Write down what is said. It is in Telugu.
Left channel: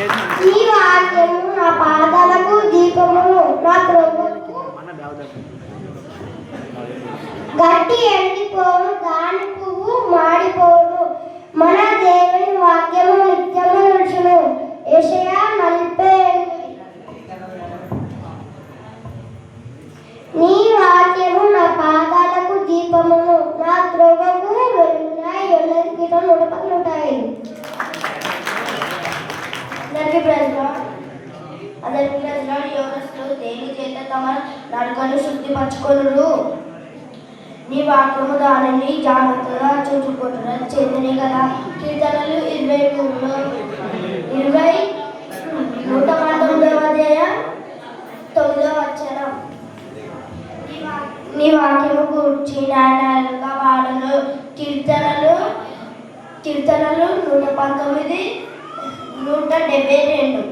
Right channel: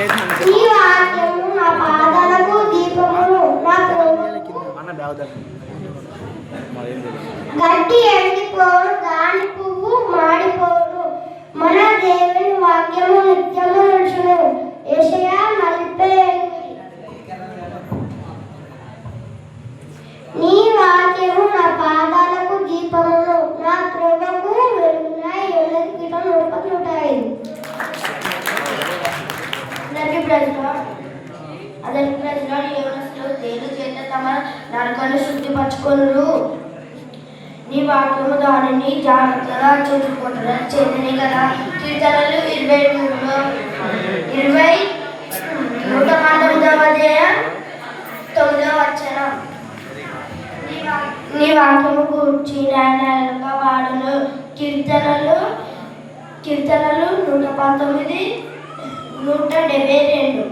నీ వాక్యము నా పాదాలకు దీపమును, నా గట్టి ఎండిపోను, దాని పువ్వు మాడిపోను, మన దేవుని వాక్యము నిత్యము నిలుచును. యెషయా 48. నీ వాక్యము నా పాదాలకు దీపమును, నా త్రోవకు వెలుగునై ఉన్నది. అందరికీ ప్రజలాడి యోనస్లో దేని చేత తమ నరకను శుద్ధిపరచుకొనురు. నీ వాక్యము దానిని జాగ్రత్తగా చూసుకుంటున్న చెందిని కదా. కీర్తనలు 23లో 119 నీ వాక్యము గూర్చి న్యాయాలుగా వాడను. కీర్తనలు 119 172.